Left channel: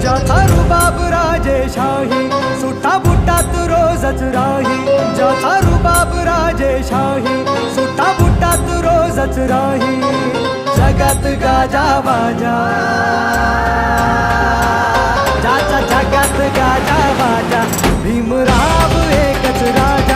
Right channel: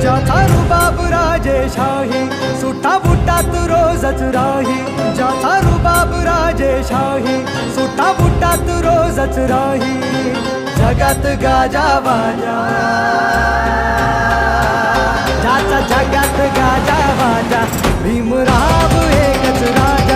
ज्याचा रुबाब राजेशाही, सुटा बुटात रोजच राही. ज्याचा रुबाब राजेशाही, सुटा बुटात रोजच राही. जगात गाजा वाजा, ज्याचा जगात गाजा वाजा, भीमराव एकच राजा.